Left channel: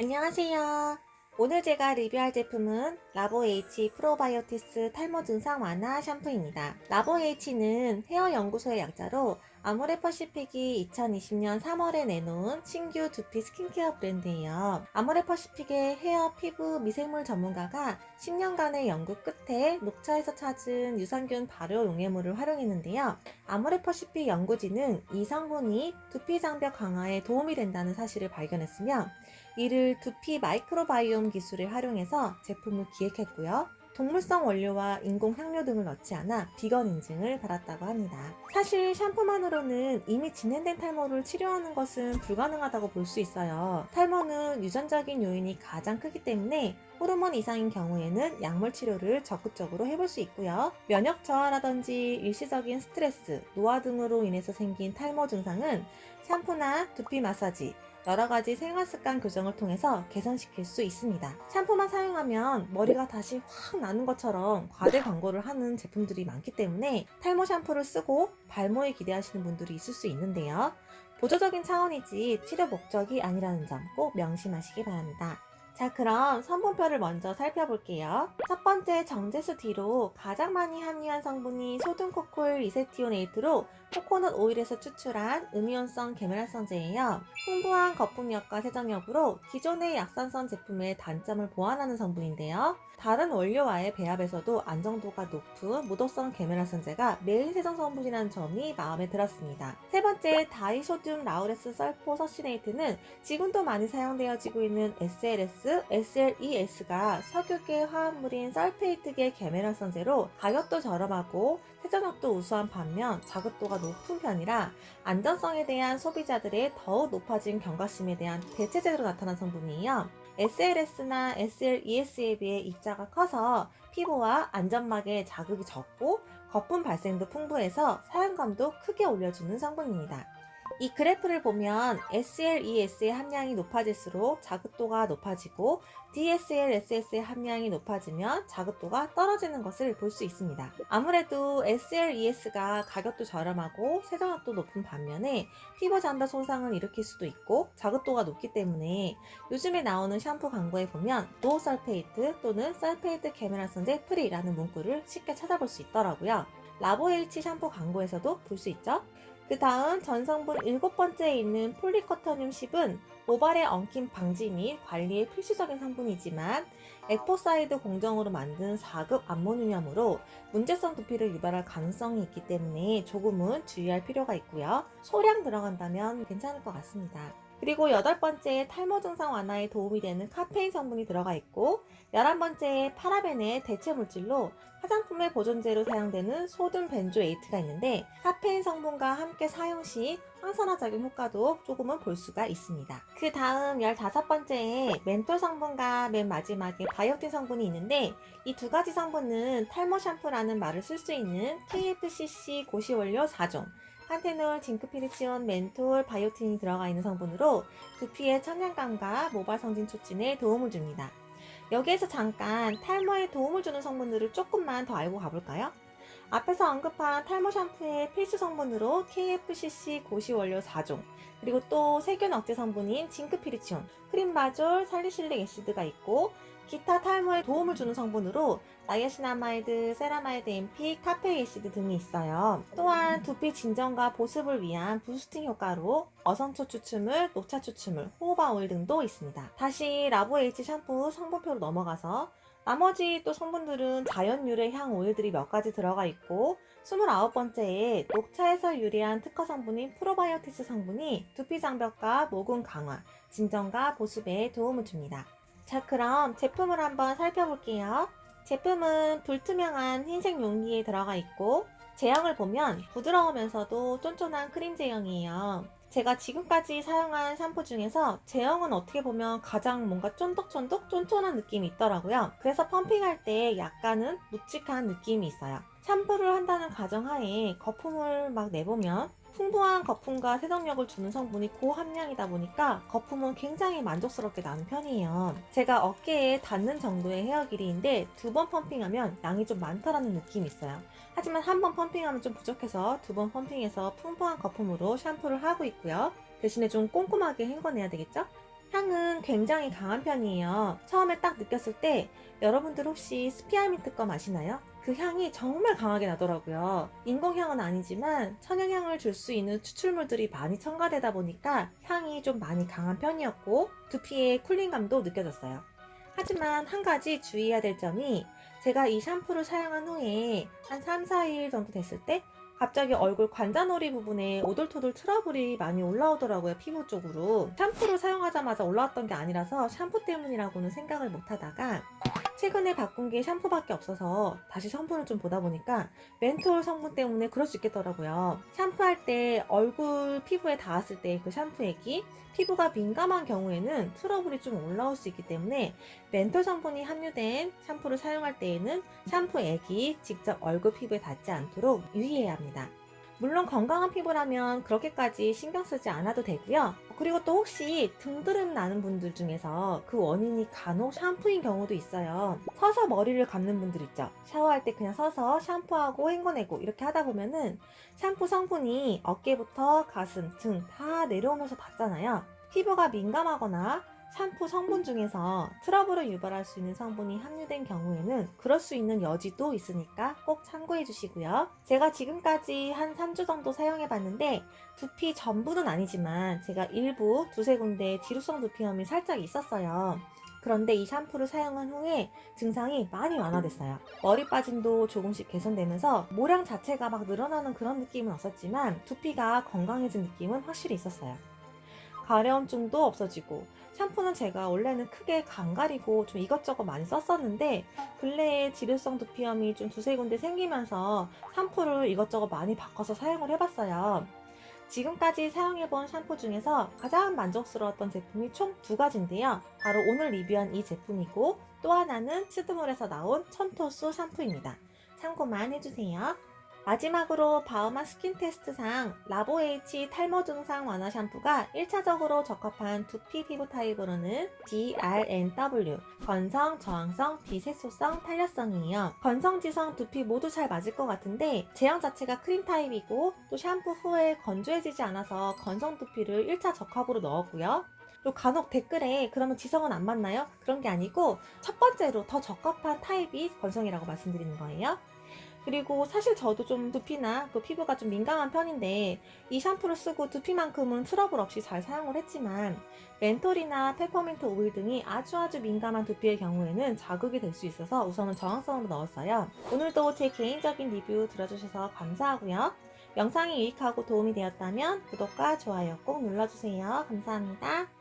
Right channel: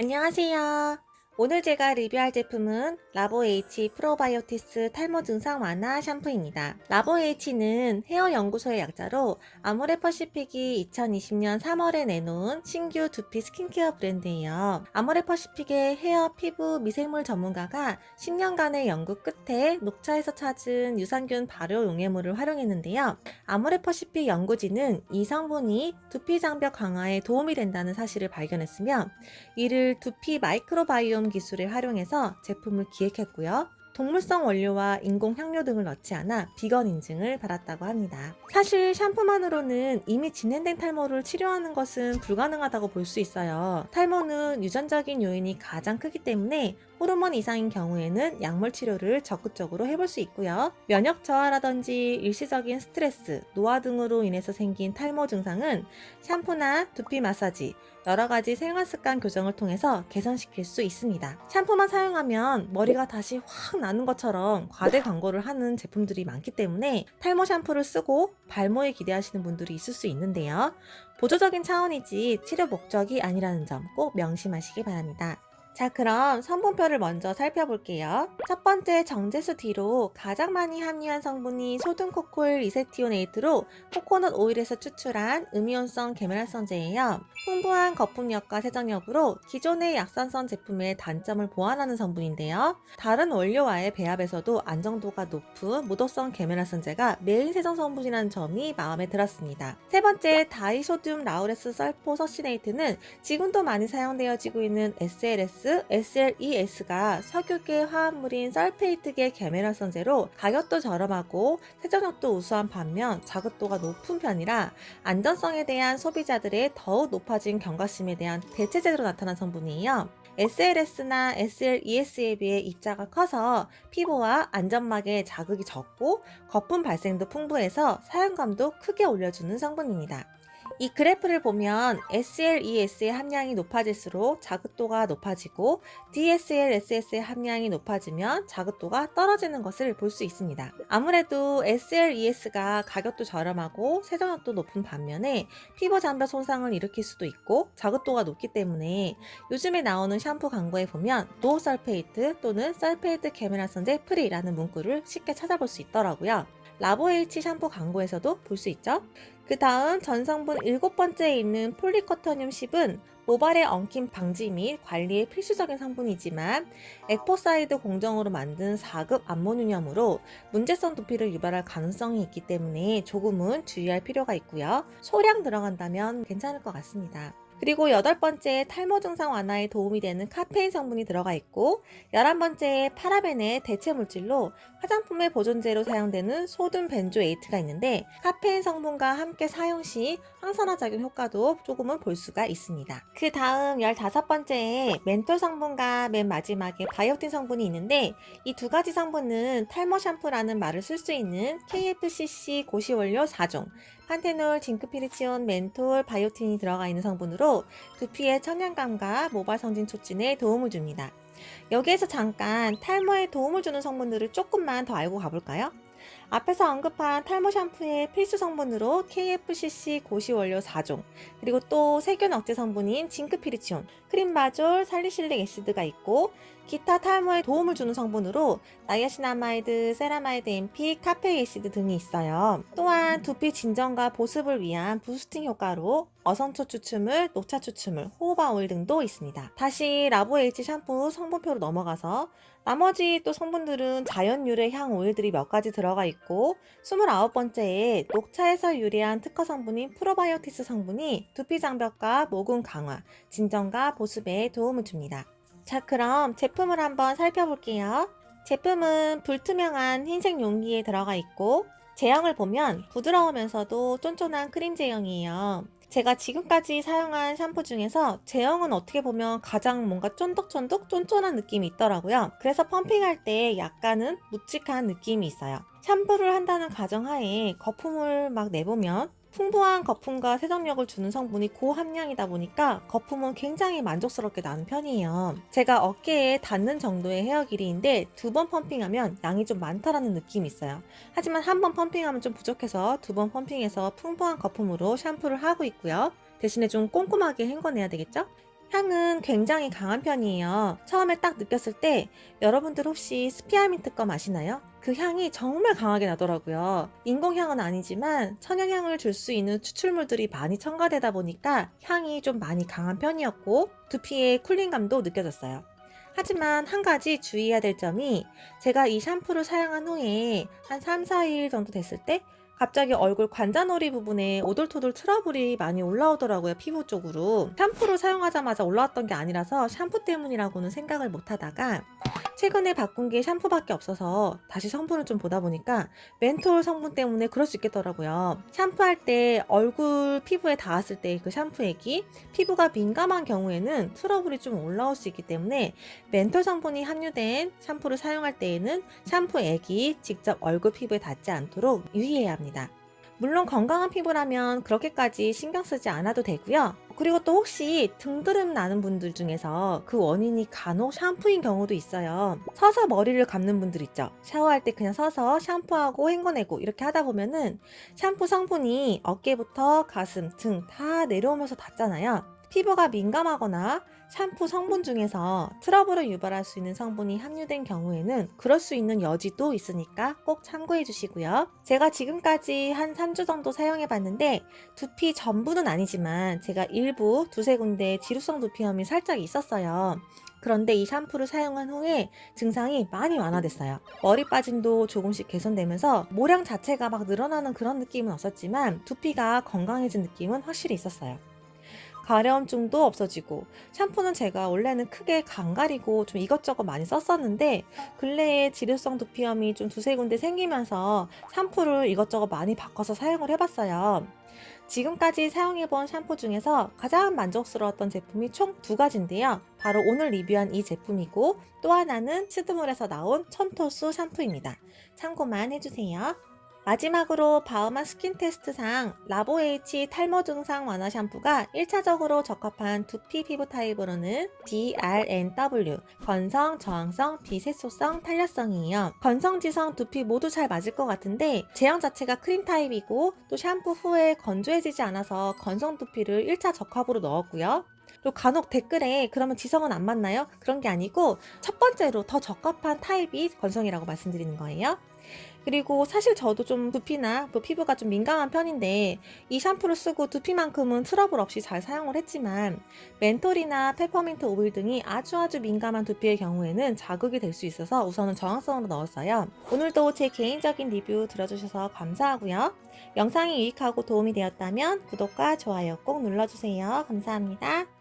안녕하세요. 오늘 제가 리뷰할 제품은 라보에이치 프로바이오티스 탈모 증상 완화 샴푸입니다. 라보에이치는 헤어 연구소의 약자로 아모레퍼시픽이 2020년 3월에 내놓은 신규 두피 스킨케어 브랜드예요. 아모레퍼시픽의 헤어, 피부, 미생물 전문가가 10년간의 연구 끝에 녹차에서 찾은 유산균 발효 용해물을 활용했는데요. 아모레퍼시픽 연구진은 이 성분이 두피 장벽 강화에 도움이 된다는 사실을 발견했으며 이를 두피 마이크로바이옴 기술을 활용해서 제품을 기획했고요. 동물성 원료와 인공 향료 등을 넣지 않아 비건 인증을 받았다고 합니다. 사실 샴푸만으로는 이미 진행된 탈모를 치료하는 것은 불가능하다고 볼 수 있어요. 탈모는 유전적인 요인이 가장 크기 때문에 호르몬 이상인 경우에는 약물 치료를 적극적으로 해볼 수 있고요. 면역 저하라든지 일시적인 스트레스, 노화 등으로 인해서 생긴 탈모 증상은 샴푸나 두피 마사지, 여러가지 생활습관 교정을 통해서 개선시킬 수 있습니다. 샴푸만 사용하면 머리가 다시 확 나는 것처럼 과대 광고를 하는 제품들이 많기 때문에 탈모 샴푸를 쓰고 발모에 기대하시는 분들이 있을 수 있는데요. 보조적인 차원이지 치료 목적이 아니라는 점 꼭 명심하시기 바랍니다. 자, 그럼 성분표를 먼저 살펴볼게요. 첫 번째 정제수 뒤로 가장 많이 함유한 성분이 소듐 코코일 이세티오네이트로 코코넛 오일에서 추출한 음이온성 계면활성제예요. 풍부한 거품력과 세정력으로 기존의 약산성 제품의 단점을 보완하는 성분인데요. 다른 원료와의 배합에서도 안정도가 높은 무독성 계면활성제가 메인 세정 성분이라는 점이 마음에 들었습니다. 세 번째 다이소듐 라우레스 설포서시네이트는 지금도 많이 사용되어지고 있는 SLS, SLES가 석유계 화합물인 설페이트계 계면활성제로 가격도 저렴하고 세정력도 우수한 반면 자극도가 높은 편이라 안전성에 대한 소비자들의 더욱 높아진 경각심에 대한 대체제로 나타난 성분이에요. SLS나 SLES에 비해 입자가 커서 피부와 안점막에 자극이 적고 거품 발생도 풍부해서 사용감도 크게 올려주는 성분입니다. 이 그래프를 보면 SLES의 함량이 높아질수록 자극도가 높아지고 DSLS의 함량이 높아지면 자극도가 떨어지는 것을 볼 수 있습니다. 아무래도 SLES가 가격도 저렴하고 세정력도 높은 반면에 피부 장벽 손상을 일으킬 수도 있고 자극도가 높기 때문에 요즘에 나오는 샴푸 광고에 보면 노 설페이트 또는 설페이트 계면활성제 프리라는 문구를 쉽게 찾아볼 수 있더라고요. 라보에이치 샴푸 광고에서도 볼 수 있죠. 그 다음 전성분 7번째에 있는 폴리커터늄 10은 모발의 엉킴 방지 및 관리에 필수적인 성분이지만 에포사이드 공정으로 만든 4급 암모늄으로 문제성 두피를 유발할 가능성이 있기 때문에 조금은 주의할 필요가 있고요. 소량 들어간다면 괜찮을 것 같습니다. 그리고 8번째 탈모 증상 완화에 도움이 되는 카페인 성분이 들어가 있고 11번째에 파라벤의 대체 물질로 화장품의 보존제로 사용되는 소듐 벤조에이트가 있는데 카페인 성분과 함께 사용 시 항산화 작용 효과도 조금은 볼 수가 있습니다. 그 다음 15번째에 멘톨 성분과 맨 마지막에 바이오틴 성분이 있는데 이 두 가지 성분은 탈모 샴푸라는 말을 쓸 수 있는 KFCC 고시원료 4종 판테놀, 징크피리치온, 멘톨, 바이오틴이 들어가 있는 성분으로 두피의 천연감과 모발 성진 촉진에 도움을 줍니다. 여기에서 잠깐 탈모에 도움을 주는 성분들을 조금만 더 알고 가볼까요? 앞에서 언급한 탈모 샴푸의 필수 성분으로 KFCC 고시원료 4종, 그리고 또 세균 억제 성분인 징크피리치온, 크림바졸, 살리실릭 애시드가 있고 기타 탈모에 도움을 주는 성분으로 나이아신아마이드, 세라마이드 MP, 카페이 애시드 등이 있어요. 또한 두피 진정과 보습을 위한 부스팅 효과로 어선초 추출물, 녹차 추출물, 호호바 오일 등도 있습니다. 다시 라보에이치 샴푸 성분표로 넘어가서 나머지 또 성분들은 자연 유래 향 오일들이 몇 가지 들어가 있고 29번째에 녹차에서 유래한 특허 성분인 프로바이오티스 성분이 두피 장벽과 모공 강화, 진정과 보습에 도움을 줍니다. 자, 그럼 제품을 한번 살펴볼게요. 제품은 불투명한 흰색 용기에 들어가 있고 제형을 보면 부드러우면서도 쫀쫀한 크림 제형이에요. 제가 지금까지 사용한 샴푸 중에서 제형은 어떻게 보면 가장 뭔가 쫀득쫀득 쫀쫀한 느낌이 있더라고요. 그래서 펌핑할 때 약간은 묵직한 느낌이 있어요. 샴푸를 한다는 가정하에 거품을 막 내보면 풍부한 거품과 세정력을 주는 성분이 고함량이다 보니까 거품은 굉장히 만족스럽게 나는 편이에요. 제가 어깨에 닿는 정도의 헤어 길이인데 2번 펌핑하면 양이 좀 많다라는 느낌이 있어요. 하지만 한 번 펌핑하면 좀 부족해서 2번 펌핑해서 풍부한 거품으로 샴푸를 하고 있고요. 대신에 좀 꼼꼼하게 헹궈내야 되겠죠? 향은 굉장히 강한 편이에요. 처음에 딱 느꼈을 때 여러분들 혹시 스피아민트 거 아시나요? 그 향이 정말 강하게 나더라고요. 인공향은 아니지만 천연향을 줄 수 있는 추출물들이 많이 첨가되다 보니까 향이 좀 많이 강한 편이었고 두피의 쿨링감도 느껴졌어요. 하지만 한 가지 주의해야 될 점이 제가 이 샴푸를 사용한 후에 한 3, 4일 정도 됐을 때 갑자기 얼굴 관자놀이 부분에 오돌토돌 트러블이 많이 올라오더라고요, 피부 쪽으로. 샴푸를 사용하자마자 올라왔던 게 아니라서 샴푸 때문이라고는 생각을 못 하다가 최근에 바꾼 게 샴푸밖에 없어서 다시 성분을 좀 보다 보니까 멘톨 성분 때문에 그럴 수 있겠더라고요. 샴푸할 때 얼굴 피부에 닿았을 때 그 샴푸액이 피부가 민감한 경우에는 트러블이 좀 올라올 수 있기 때문에 멘톨 성분이 함유된 샴푸를 사용할 때에는 샴푸액이 직접 얼굴 피부에 닿지 않도록 유의해야 합니다. 물론 건강한 피부라면 그렇게까지 신경 쓰지 않아도 되고요. 그리고 또 혹시 등드름 나는 분들 중에서 그 원인이 간혹 샴푸인 경우도 있어요. 서서 머리를 감는 분들 있죠. 샤워할 때 그냥 서서 샴푸하고 헹궈내고 이렇게 하다 보면은 샴푸 성분이 어깨부터 가슴, 등 다 내려오면서 닿잖아요. 피부가 민감하거나 샴푸 성분 중에서 트러블을 유발할 수 있는 성분이 함유된 경우에는 그럴 수 있는 여지도 있으니까 꼭 참고해 주시고요. 제가 지금까지 한 3주 정도 사용해 봤는데 두피 전부는 아니지만 제가 일부 두세 군데 지루성 두피염이 살짝 있었어요. 그런데 이 샴푸를 사용한 후에 증상이 많이 완화됐어요. 머리 빠짐도 조금씩 개선되면서 모량 자체가 막 늘어나는 그런 느낌은 없었지만 두피가 건강해진 느낌은 확실히 있었어요. 가려움증도 없어지고 샴푸는 제가 원래는 크게 간가리고 좀 이것저것 많이 썼었는데 근래에 지루성 두피염이 좀 두세 군데 생기면서 샴푸를 이것저것 많이 바꿔서 사용을 해봤어요. 지금까지 사용해본 샴푸 중에서 가장 만족스러웠던 제품이 총 두 가지인데요. 바로 오늘 리뷰한 이 제품이고 또 하나는 스드몰에서 나온 촌토수 샴푸입니다. 참고만 해주세요. 마지막으로 바우만 스킨 테스트상 라보H 탈모 증상 완화 샴푸가 1차적으로 적합한 두피 피부 타입으로는 DRNW, 건성, 저항성, 비세소성, 탄력성이에요. 건성, 지성, 두피 모두 잘 맞을 것 같은데 제형 자체가 크림 타입이고 또 샴푸 후에 건조해지지 않아서 건성 두피를 1차 적합으로 넣었고요. 그리고 간혹 댓글에 그러면 지성은 안 맞나요? 그런 게 아니고 첫 번째로 더 적합한 타입이 건성이라고 말씀드리는 거예요. 그리고 사실 저도 좀 두피나 또 피부가 좀 민감한 편인데 이 샴푸를 쓰고 두피만큼은 트러블 없이 잘 사용을 했지만 멘톨이나 페퍼민트 오일 등이 아주 민감한 두피의 경우에는 자극이 될 수 있어서 우선은 저항성으로 넣었어요. 오늘도 제 개인적인 리뷰 들어주셔서 감사하고요. 영상이 유익하고 도움이 되었다면 구독과 좋아요 꼭 눌러주세요. 감사합니다.